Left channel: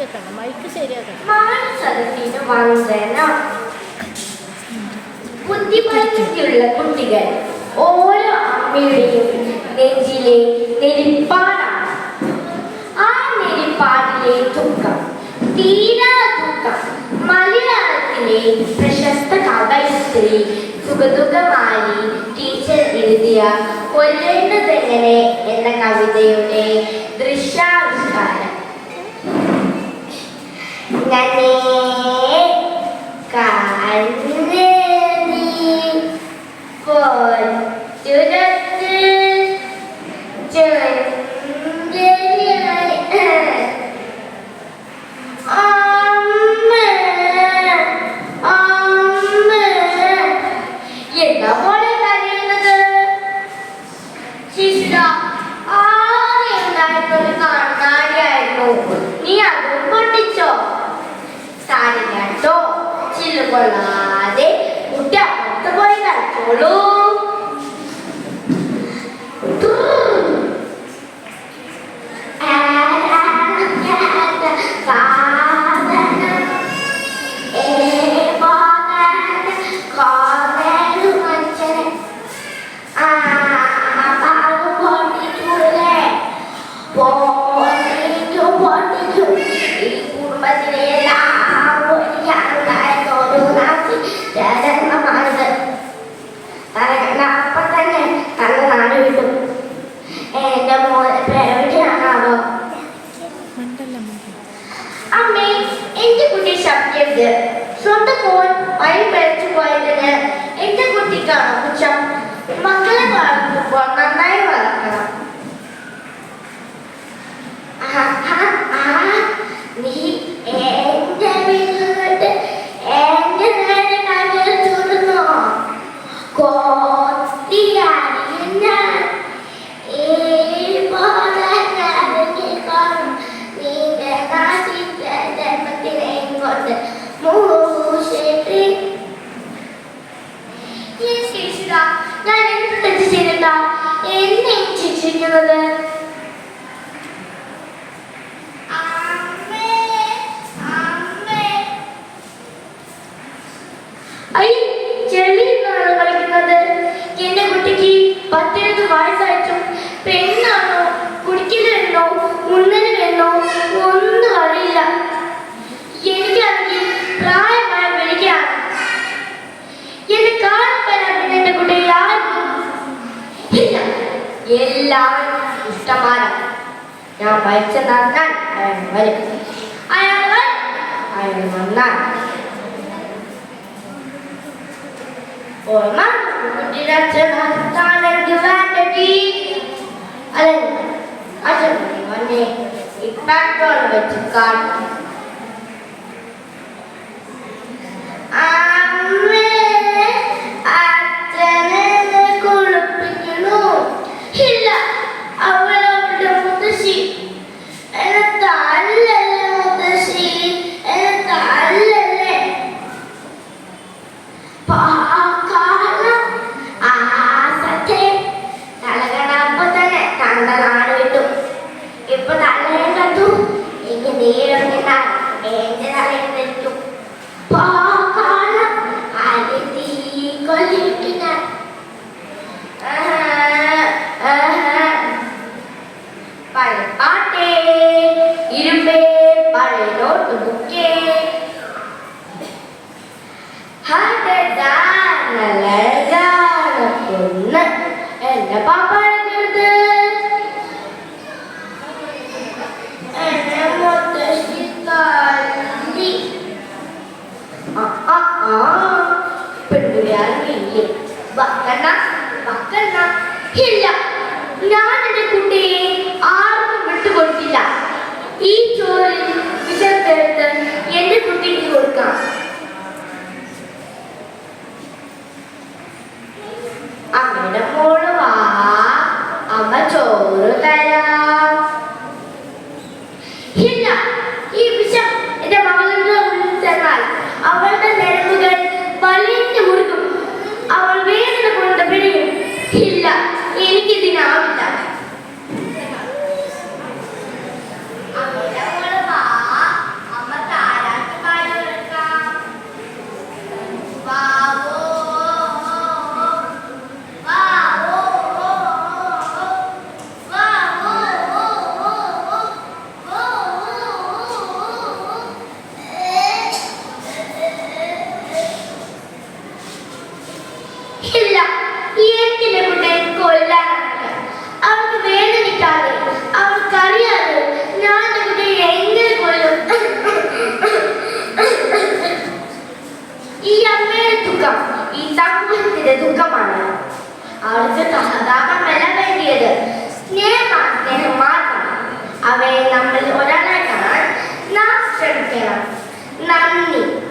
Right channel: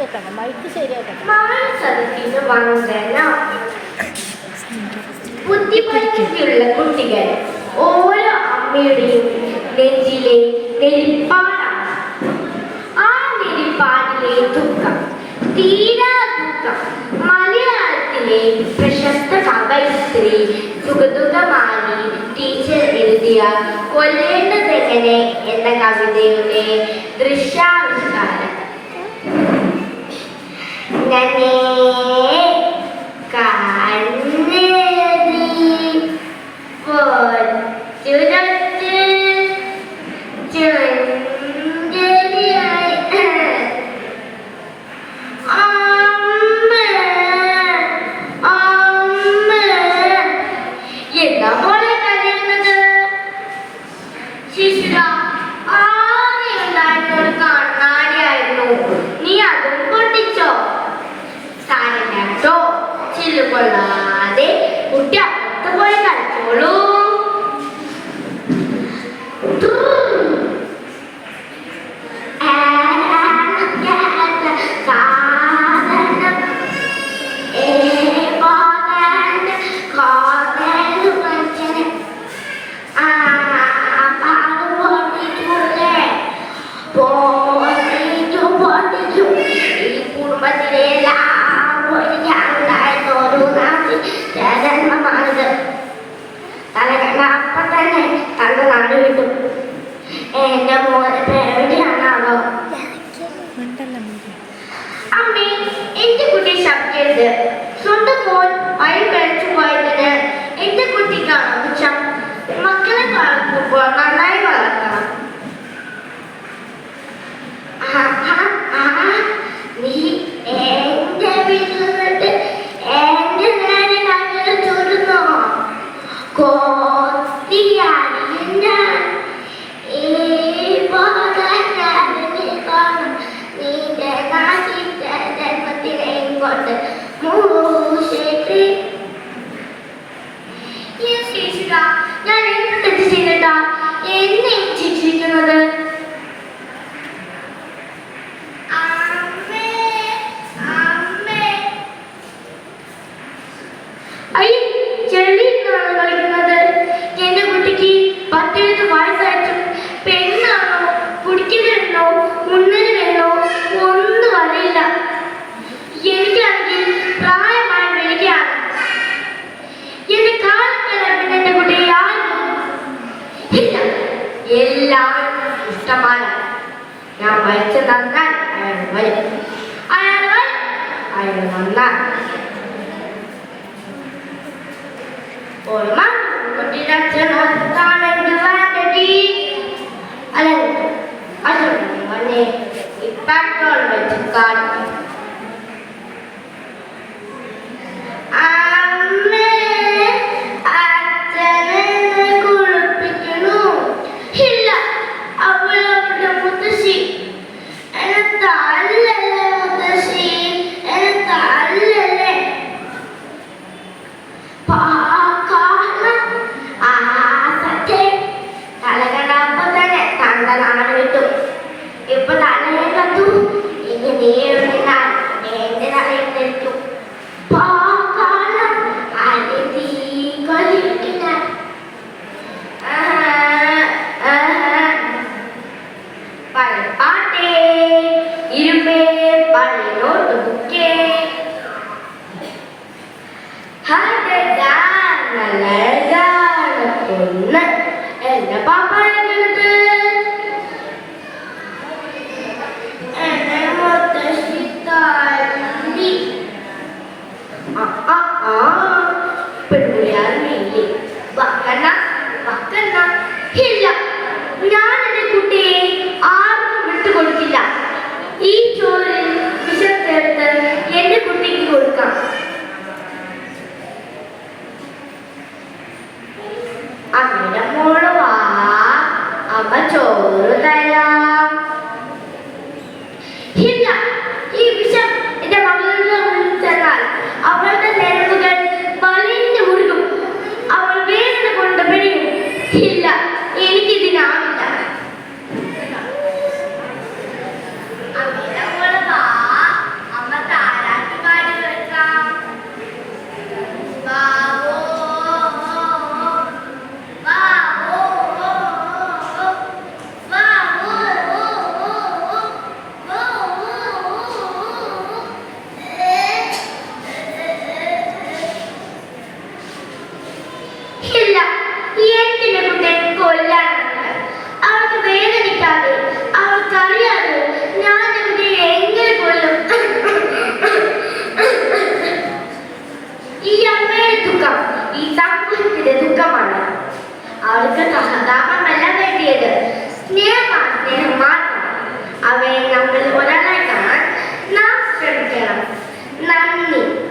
ശരിയാക്കണ്ട, mic ശരിയാക്കണ്ട. ബുദ്ധിപരിധിയുള്ള കുട്ടികൾ ഓരോ അമ്മയുടെയും നെഞ്ചിലെ നെരിപ്പാടാണ്. ആ നെരിപ്പാടിലെ ദുഃഖം, തീരാ ദുഃഖം മലയാളത്തിലെ പ്രശസ്ത കവയിത്രി സുഗതുകമാലി ടീച്ചർ എഴുതിയ കൊല്ലേണ്ടതെങ്ങനെ എന്ന കവിതയുടെ ദൃശ്യാവിഷ്കാരം. എന്താ പോലെ കരയുന്നത്? ശിശുര ആദ്യമുണ്ടായിരുന്നൊരു കണ്ണാടിയായിരുന്നു. നീ അതും പൊട്ടിച്ചോ? സാരിട്ടോ, ചില്ലുകൊള്ളാതെ കുട്ടി അപ്പുറത്ത് പോയി കളിച്ചോളൂ. അപ്പൊ തന്നെ തന്റെ നാട് വിട്ടു. എന്റെ മോനെ എവിടെയാണാവോ? അമ്മേ, എന്റെ കുട്ടി ശബ്ദരുത്. സ്വന്തം മോൻ വഴി കഴിച്ചു പോയതിന് എന്റെ കുട്ടിക്കാണോ കുറ്റം? മക്കളെ വളർത്തുമ്പോൾ നന്നായി വളർത്തണം. നീ എന്റെ വീട്ടിൽ നിന്നിട്ട് എന്റെ നേരെ കാര്യം ചൂടുന്നോ? ഞാൻ എന്ത് തെറ്റ് ചെയ്തിട്ടാ എന്നെ ശിക്ഷിക്കുന്നത്? ചെളിയിലാണ് കളിക്കുന്നത്. എന്റെ കുട്ടിക്ക് 10 വയസ്സായിട്ടും പെണ്ണാണോ കുടിക്കുന്നോ ഉണ്ണന് വേണോ ഒന്നും അറിയില്ല. എനിക്കാണെങ്കിൽ പ്രായമായ വിളിക്കാണ്. എന്റെ കാലത്തല്ല പിന്നെ എന്റെ കുട്ടി ആരും ഇല്ല. എല്ലാവരും ഇഷ്ടമാണ്. ഞാൻ മരിച്ച നന്നാൻ അയാൾ വരും. അയാൾ വന്നാൽ കുട്ടിയുടെ അച്ഛൻ അല്ലെ ഇപ്പോ വെച്ച് കാണും. അച്ഛനെ കുളിപ്പിക്കണു. ഇല്ല, അവളവളുടെ മുത്തശ്ശി എന്നെ തല്ലല്ലേ. മുത്തശ്ശി എന്നെ തല്ലല്ലേ. തലകണപ്പോ തന്നെ തണ്ട നാട് വിട്ടു. ഇപ്പൊ തലയെ കണ്ടു. ഇനി നീറിനാ എന്റെ തലയെത്തിരിക്കും. പാട്ടേ ഇരുമ്പേ പഴയോട്ട് ബുക്കേ പൊന്ന് എന്റെ പാപ്പ എന്നെ മുത്തശ്ശി തല്ലി. പെൺകുടിയാറില്ലേ? വക്കണ്ട വക്കണ്ട. ഇല്ല, ഞാൻ എന്റെ കുട്ടിയെ ആർക്കും വിട്ടുകൊടുക്കില്ല. ഈ ചോറിൽ വിഷം ചേർത്ത് എന്റെ കുട്ടിക്ക് കൊടുക്കാം. അമ്മയുടെ മോള് വാ, അമ്മ ചോറ് തരാം. ഇല്ല, ഈ വിഷം എന്റെ മകളുടെ ഉള്ളിൽ ചെന്നാൽ അവളുടെ ഞരമ്പുകൾ വലിഞ്ഞു മുറുകും. അവൾ വേദന കൊണ്ട് പിഴയും. ഇല്ല, എനിക്കിതിനാവില്ല. അമ്മയുടെ മോള് വാ, ആവശ്യത്തിന്റെ ദുഃഖമാണ്. അവർക്ക് സഹതാപമല്ല വേണ്ടിയത്, സ്നേഹം മാത്രം. അവയെ നമ്മൾ ഒരാളായി കാണാൻ നാം ശ്രമിക്കണം. നന്ദി.